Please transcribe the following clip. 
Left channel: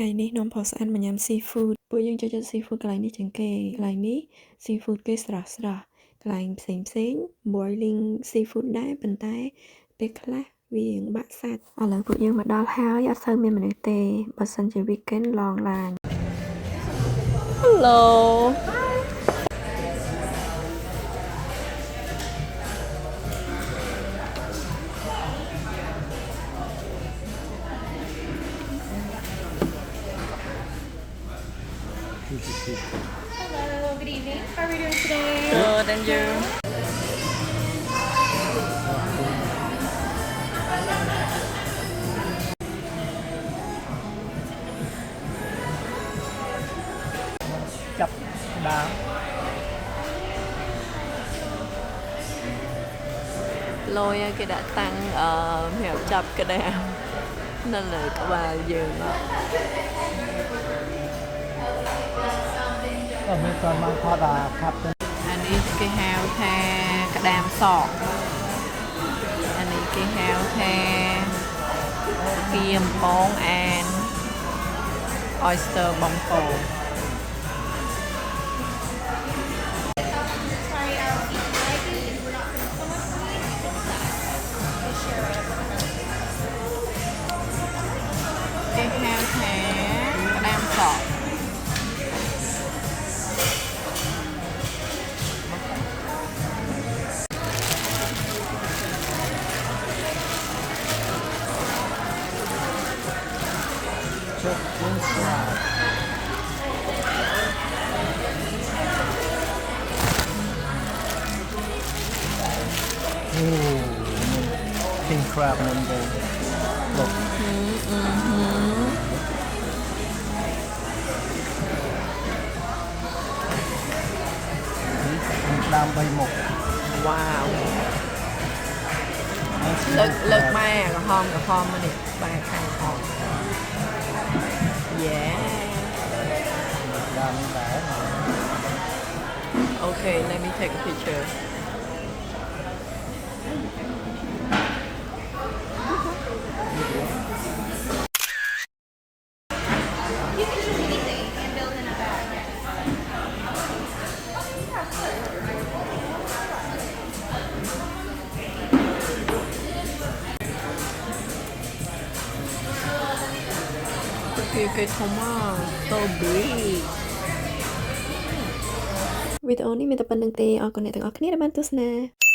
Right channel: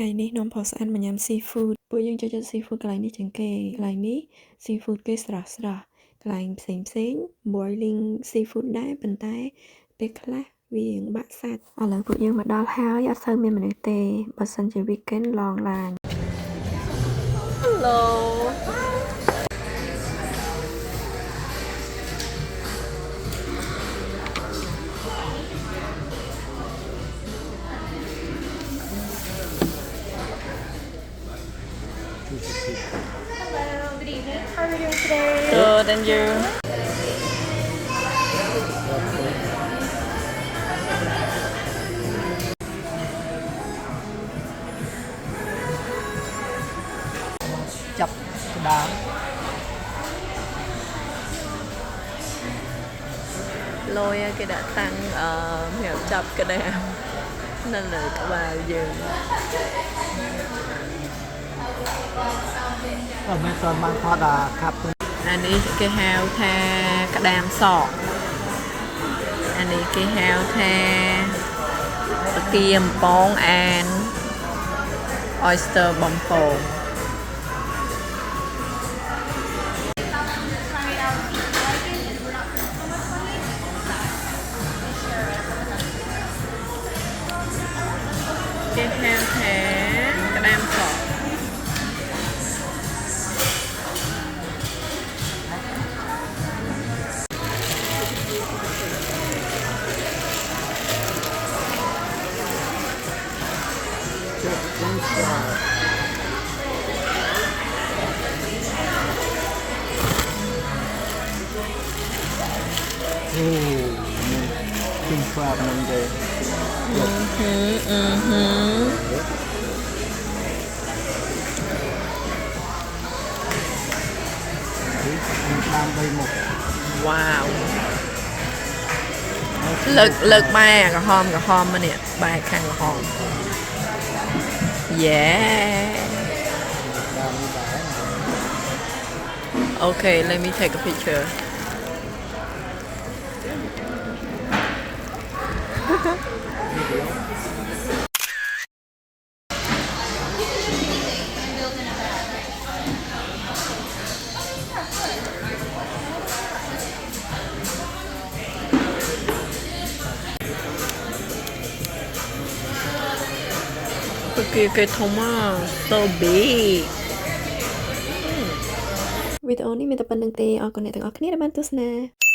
Ngàyនេះនាំផុសស្អាតមកញ៉ាំ seafood ពួកយើងចូលចិត្ត seafood កន្លែងនេះជាងគេកន្លែងនេះ seafood គេស្រស់ៗកន្លែងផ្សេង boiling seafood ដែរប៉ុន្តែពេលខ្លះវាបាក់សាច់ឥឡូវពួកយើងមកដល់ហើយអត់សូវមានមនុស្សទេបើសិនជា weekend ឡងឡាន Hello Hello, good evening. How are we doing today? Good and you chập đá lôi cái đã tăng mèo chập cái đam nên là các bà dừng đó ไม่ตอนบางทอดครับ อันนี้គេហៅថាក្តាមសក់อันนี้គេហៅថាផ្គាមប៉ងអាន oyster បំពង Try it out. If you like it, and we're not putting so much on it, we share it. គេហៅថាក្តាមសក់ King crabมันเลยด้านใบหมก wow เลิกแม่กับหอมมาเนี่ยใบข้างหอม yeah ด้านนี้ได้ okay let me take a picture You can choose anything and build in a bag. cái thông so big វីដេអូនេះមានតែប៉ុណ្្នឹងទេអរគុណអ្នកទាំងអស់គ្នាដែលបានទស្សនា